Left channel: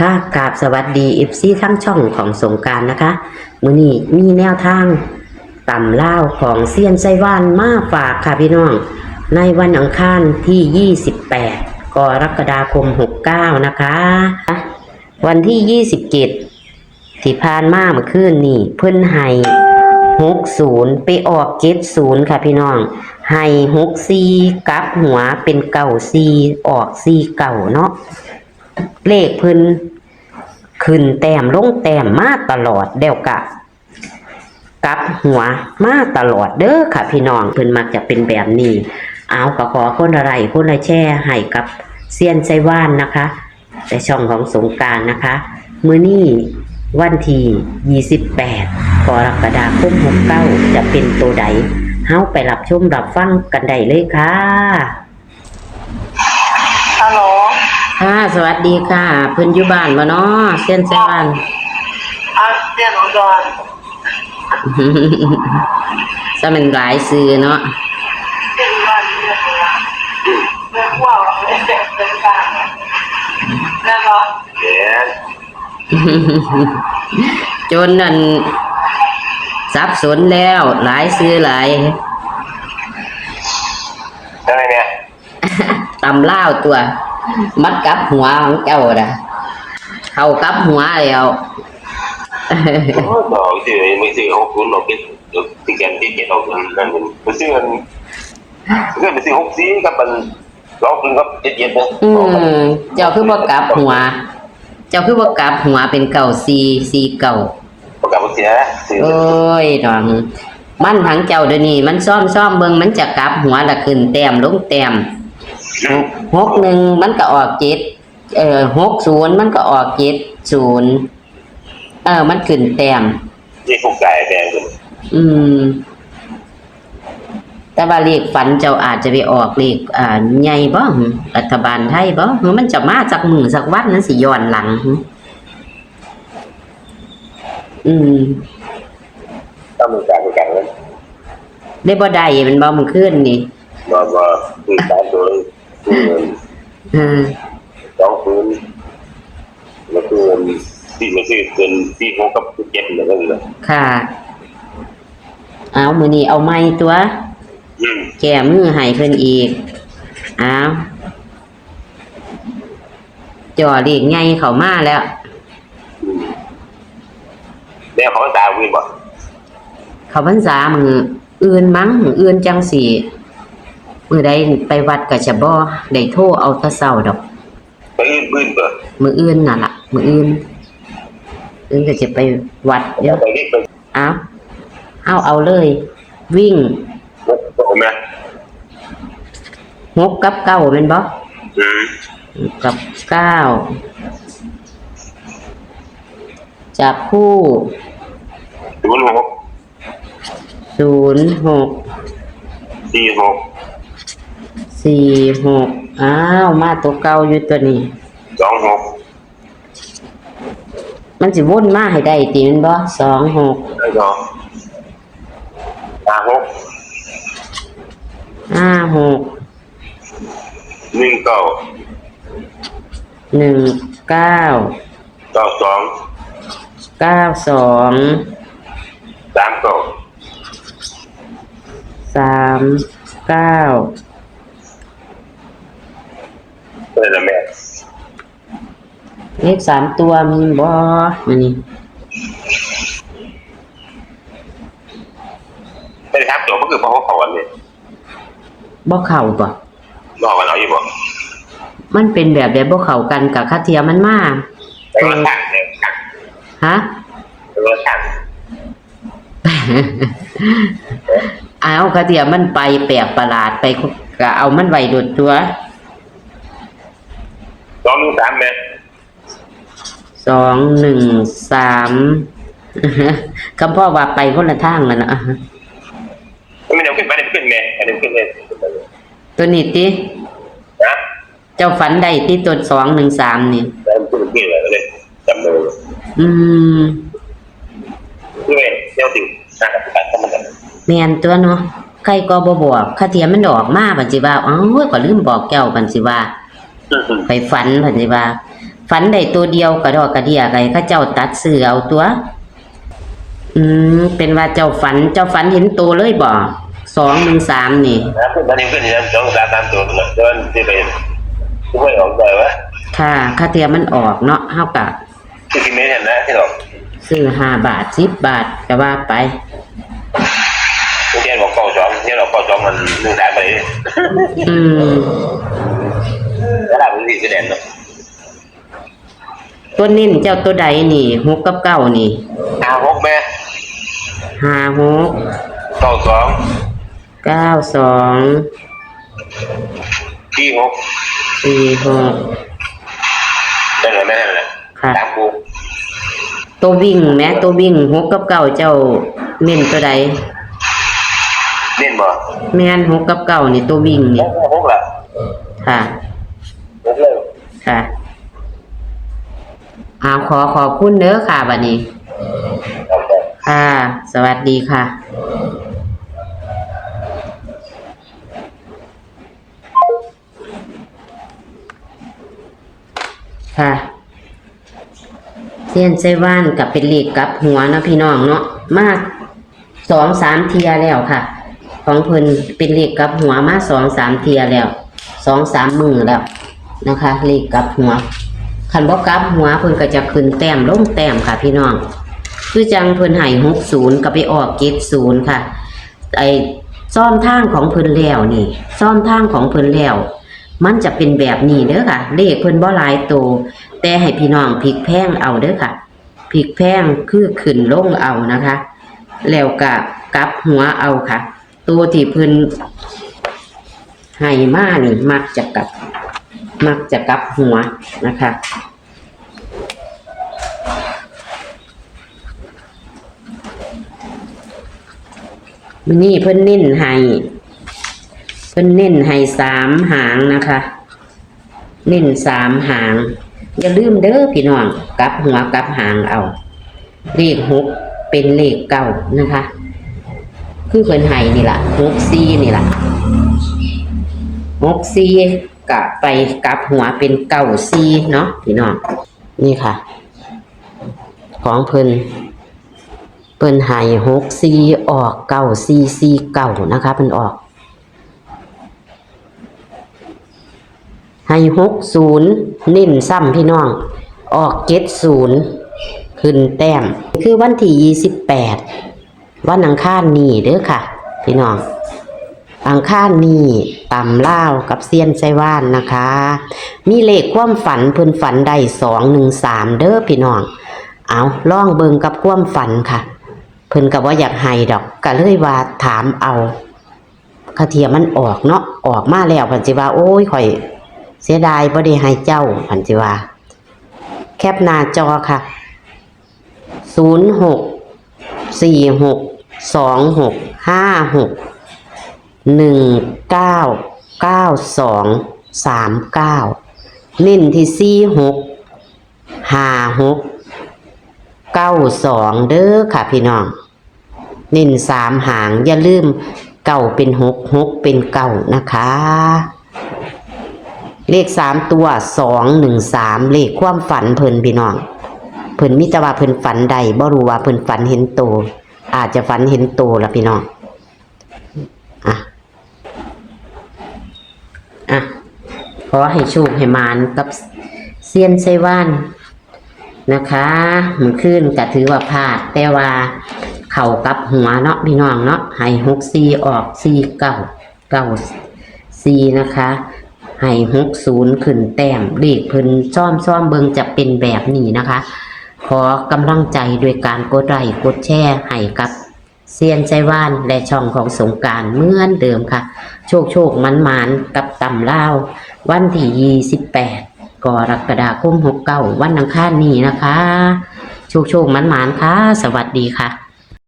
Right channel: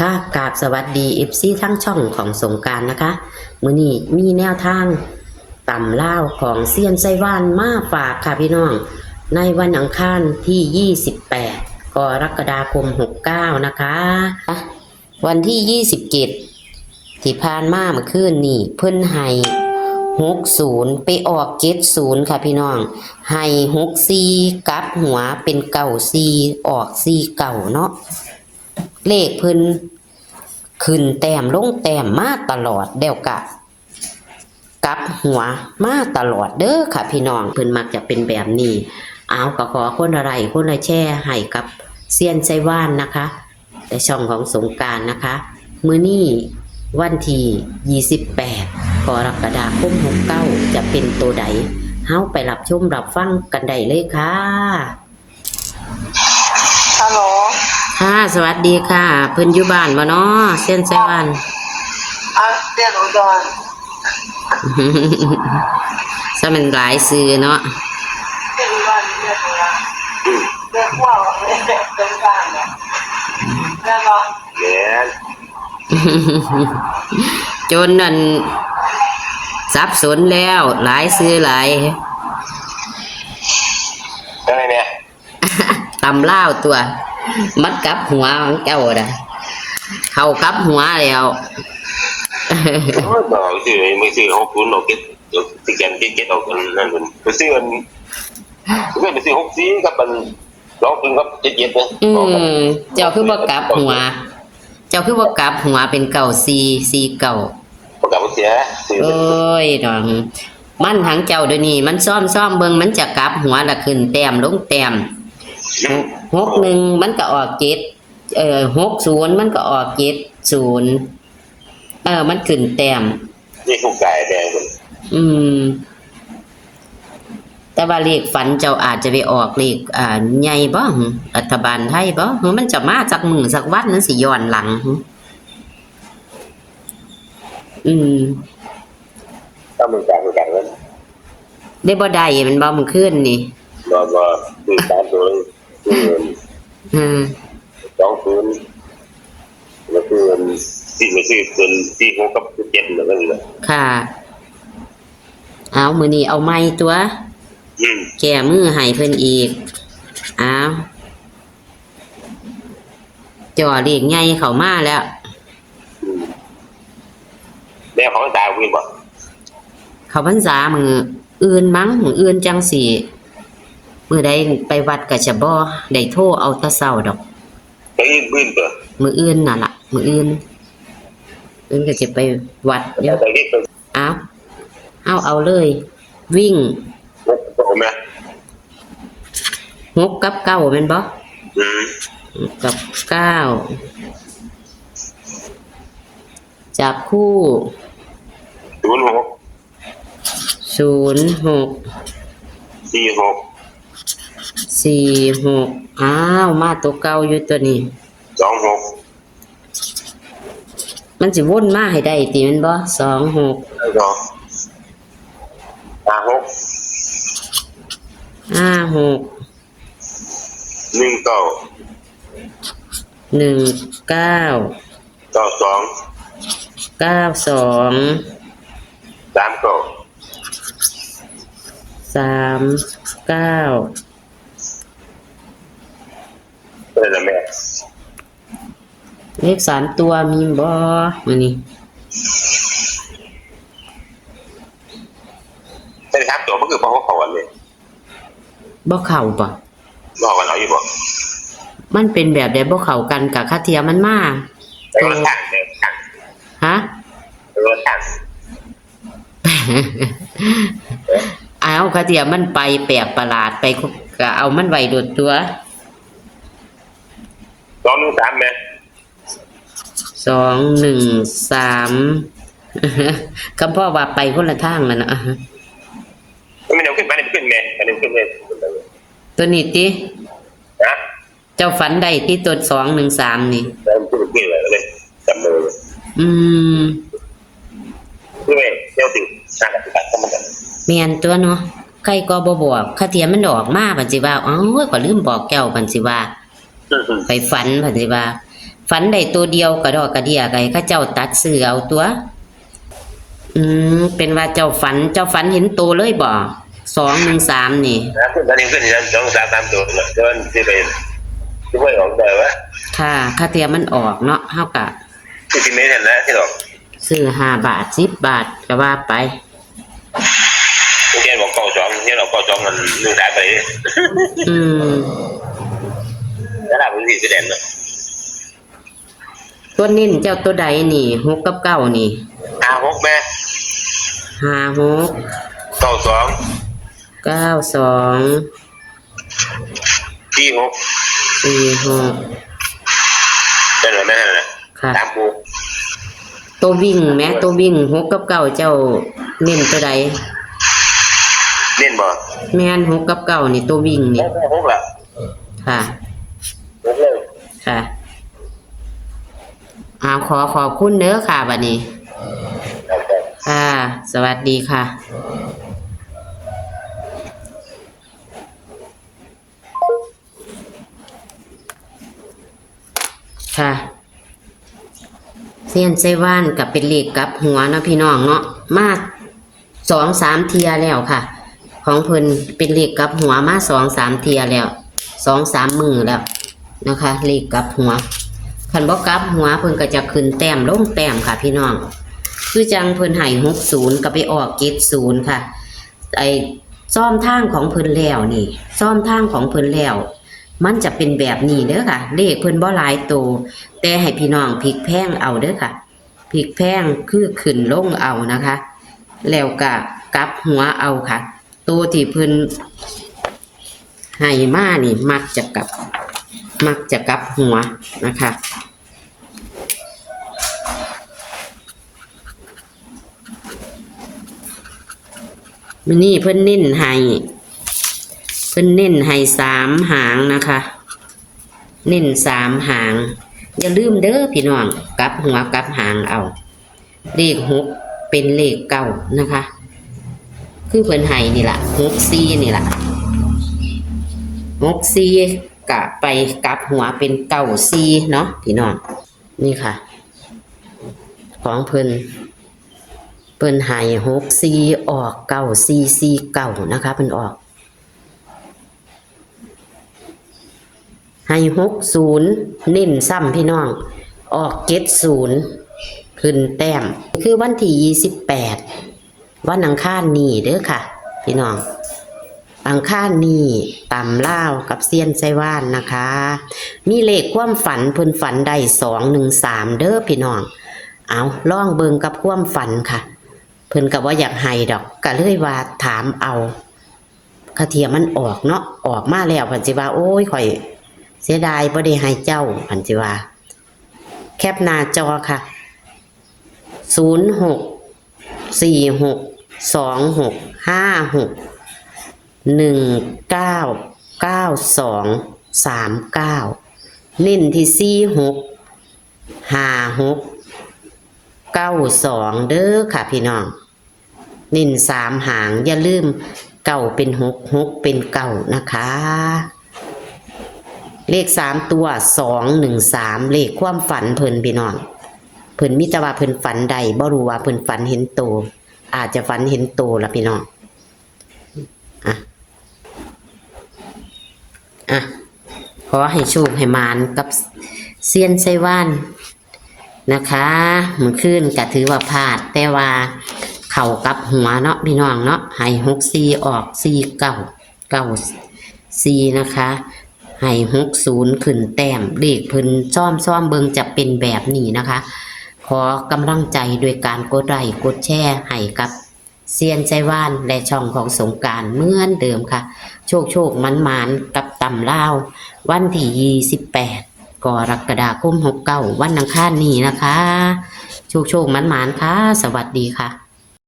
ค่ะกราบสวัสดีทั้งช่องของสงกรานต์นะคะมื้อนี้มีแนวทางตำล่าวของเซียนไซว่านมาฝากค่ะพี่น้องในวันอังคารที่28กรกฎาคม69นะคะวันที่27ที่ผ่านมาเมื่อคืนนี่เพิ่นให้60ไปออก70ค่ะพี่น้องให้64กลับหัวเป็น94ออก4เก่าเนาะเลขเพิ่นขึ้นแต้มลงแต้มมาตลอดเดี๋ยวกลับหัวมาตลอดเด้อค่ะพี่น้องเพิ่นมักจะเป็นแบบนี้เอาก็ขอคนอะไรคนละแชร์ให้กับเซียนไซว่านนะคะในช่องของสงกรานต์นะคะมื้อนี้วันที่28กรกฎาคม69จะเป็นตัวใดเฮาไปรับชมรับฟังกันได้เลยค่ะฮัลโหลค่ะสวัสดีค่ะเพิ่นอยู่บ้านบ่เนาะเซียนไซว่านเรียนอุดรซะมันหลายซื้อเนาะเรียนอุดรที่ไหนวะเรียนว่าเรียนบ้านเนี่ยเรียนเนาะเรียนจนนั่นสับสนแล้วหลายซื้อหลายอะไรเนี่ยตำล่าวตัวมัดกับหัวของเจ้าน่ะเข้ากับหัวแล้วต่อที่ไม่ซื้อ60เราคิดถึงแก่ที่เก็บเอาเงินนั่นมันซื้อมันไปซื้อ64ครับมันร้องเป็นแบบเย็นๆนะเจ้าคือบ่กลับหัวเจ้าคือบ่กลับหัวเป็นเก่า4เก่าบ่กลับเสียโอ้ยน้องมันทั้งเจ้าเดี๋ยวนี้มันซ่อมเบิ่งมันจะกลับหัวละขึ้นแต้มลงแต้ม61มันก็ออก60มันก็ออก70มันขึ้นแต้มที่ถูกใจเนี่ยแต่ว่าเลขฝันเจ้าอาจจะไปออกเลขใหญ่บ่รัฐบาลไทยบ่มันจะมาจากมื้อสักวันนั้นสิย้อนหลังต้องมีการกันได้บ่ได้มันบ่มันขึ้นนี่ก็มีการดูต้องดูแล้วก็ที่ไม่ซื้อเป็นที่เขากับเก็บแล้วก็เลยค่ะเอามื้อนี้เอาไม้ตัวแก้มือให้เพิ่นอีกเอาจ่อเลขใหญ่เข้ามาแล้วเนี่ยเขาตาวีบ่เขาพรรษามื้ออื่นมั้งมื้ออื่นจังสิมื้อใดไปวัดก็จะบ่ได้โทรเอาแต่เช้าดอกมื้ออื่นน่ะล่ะมื้ออื่นก็จะไปวัดเดี๋ยวเอาเลยวิ่ง6กับ9แม่นบ่กับ9จับคู่46มาตัวเก่าอยู่ตัวนี้มันสิวนมาให้ได้ติแม่นบ่26 เลข3ตัวมีบ่มื้อนี้ใช่ครับตัวมันคือบ่เข้าอันนี้บ่เข้าบ่กันเอาอยู่บ่มันเป็นแบบใดบ่เข้ากันกับคาเทียมันมาฮะเอาคาเทียมันไปแปลกประหลาดไปก็เอามันไว้โดดตัว2 1 3 คำพ่อว่าไปคนละทางมันนะไม่ได้ขึ้นแม่ตัวนี้ติเจ้าฝันได้ที่ตัว213นี่จำเลยแม่นตัวเนาะใครก็บ่บอกคาเทียมันออกมาบัดสิว่าก็ลืมบอกแก้วบัดสิว่าไปฝันบัดสิว่า ฝันได้ตัวเดียวกระดอกกระเดียไก่เขาเจ้าตัดเสือเอาตัว เป็นว่าเจ้าฝันเห็นตัวเลยบ่213นี่นะตอนนี้เป็นยังต้องตามตัวมันจะเป็นไม่ออกเลยวะค่ะค่าเทียมมันออกเนาะเฮากะที่ไม่เห็นนะที่หรอกซื้อ5 บาท10 บาทก็ว่าไปเที่ยวบอกเข้าจอมเที่ยวบอกเข้าจอมมันดูได้ไปแล้วเราไม่ได้แสดงตัวนิ่นเจ้าตัวใดนี่6กับ9นี่6แม่56 92 46ได้แล้วแม่ค่ะตัววิ่งแม่ตัววิ่ง6กับ9เจ้านิ่นตัวใดนิ่นบ่แม่น6กับ9นี่ตัววิ่งนี่6ล่ะค่ะค่ะขอบคุณเด้อค่ะบัดนี้ค่ะสวัสดีค่ะค่ะเซียนไซว่านกับเป็นเลขกับหัวนะพี่น้องเนาะมา2-3เทียแล้วค่ะของเพิ่นเป็นเลขกับหัวมา2-3เทียแล้ว2-3 มื้อแล้วนะคะเลขกับหัวคันบ่กลับหัวเพิ่นก็จะขึ้นแต้มลงแต้มค่ะพี่น้องคือจังเพิ่นให้60ก็ไปออก70ค่ะไอ้ซ่อมทางของเพิ่นแล้วนี่ซ่อมทางของเพิ่นแล้วมันจะเป็นแบบนี้เด้อค่ะเลขเพิ่นบ่หลายโตแต่ให้พี่น้องพลิกแพงเอาเด้อค่ะพลิกแพงคือขึ้นลงเอานะคะแล้วก็กลับหัวเอาค่ะตัวที่เพิ่นให้มานี่มักจะกลับหัวนะคะมินี่เพิ่นเน้นให้3 หางนะคะเน้น3 หางอย่าลืมเด้อพี่น้องกลับหัวกลับหางเอาเลข6เป็นเลข9นะคะคือเพิ่นให้นี่ล่ะ64นี่ล่ะ64กะไปกลับหัวเป็น94เนาะพี่น้องนี่ค่ะของเพิ่นให้64ออก9449นะคะเพิ่นออกให้60นิ่มซ้ำพี่น้องออก70ขึ้นแต้มคือวันที่28วันอังคารนี้เด้อค่ะพี่น้องอังคารนี้ตำลาวกับเซียนไซว่านนะคะมีเลขความฝันเพิ่นฝันได้213เด้อพี่น้องเอาลองเบิ่งกับความฝันค่ะเพิ่นก็บ่อยากให้ดอกก็เลยว่าถามเอาคาเทียมันออกเนาะออกมาแล้วเพิ่นสิว่าโอ้ยข่อยเสียดายบ่ได้ให้เจ้าเพิ่นสิว่าแคปหน้าจอค่ะ064626519939เน้นที่465692เด้อค่ะพี่น้องเน้น3 หางอย่าลืมเก่าเป็น6เป็น9นะคะเลข3ตัว213เลขความฝันเพิ่นพี่น้องเพิ่นมีแต่ว่าเพิ่นฝันใดบ่รู้ว่าเพิ่นฝันเห็นโตอาจจะฝันเห็นโตล่ะพี่น้องขอให้โชคให้มานกับเซียนไซว่านนะคะมันขึ้นก็ถือว่าพลาดแต่ว่าเข่ากับหัวเนาะพี่น้องเนาะให้64ออก4994นะคะให้60ขึ้นแต้มเลขเพิ่นซ่อมเบิ่งจะเป็นแบบนี้นะคะขอกำลังใจโดยการกดไลค์กดแชร์ให้กับเซียนไซว่านและช่องของสงกรานต์เหมือนเดิมค่ะโชคมันกับตำลาววันที่28กรกฎาคม69วันอังคารนี้นะคะโชคมันค่ะสวัสดีค่ะ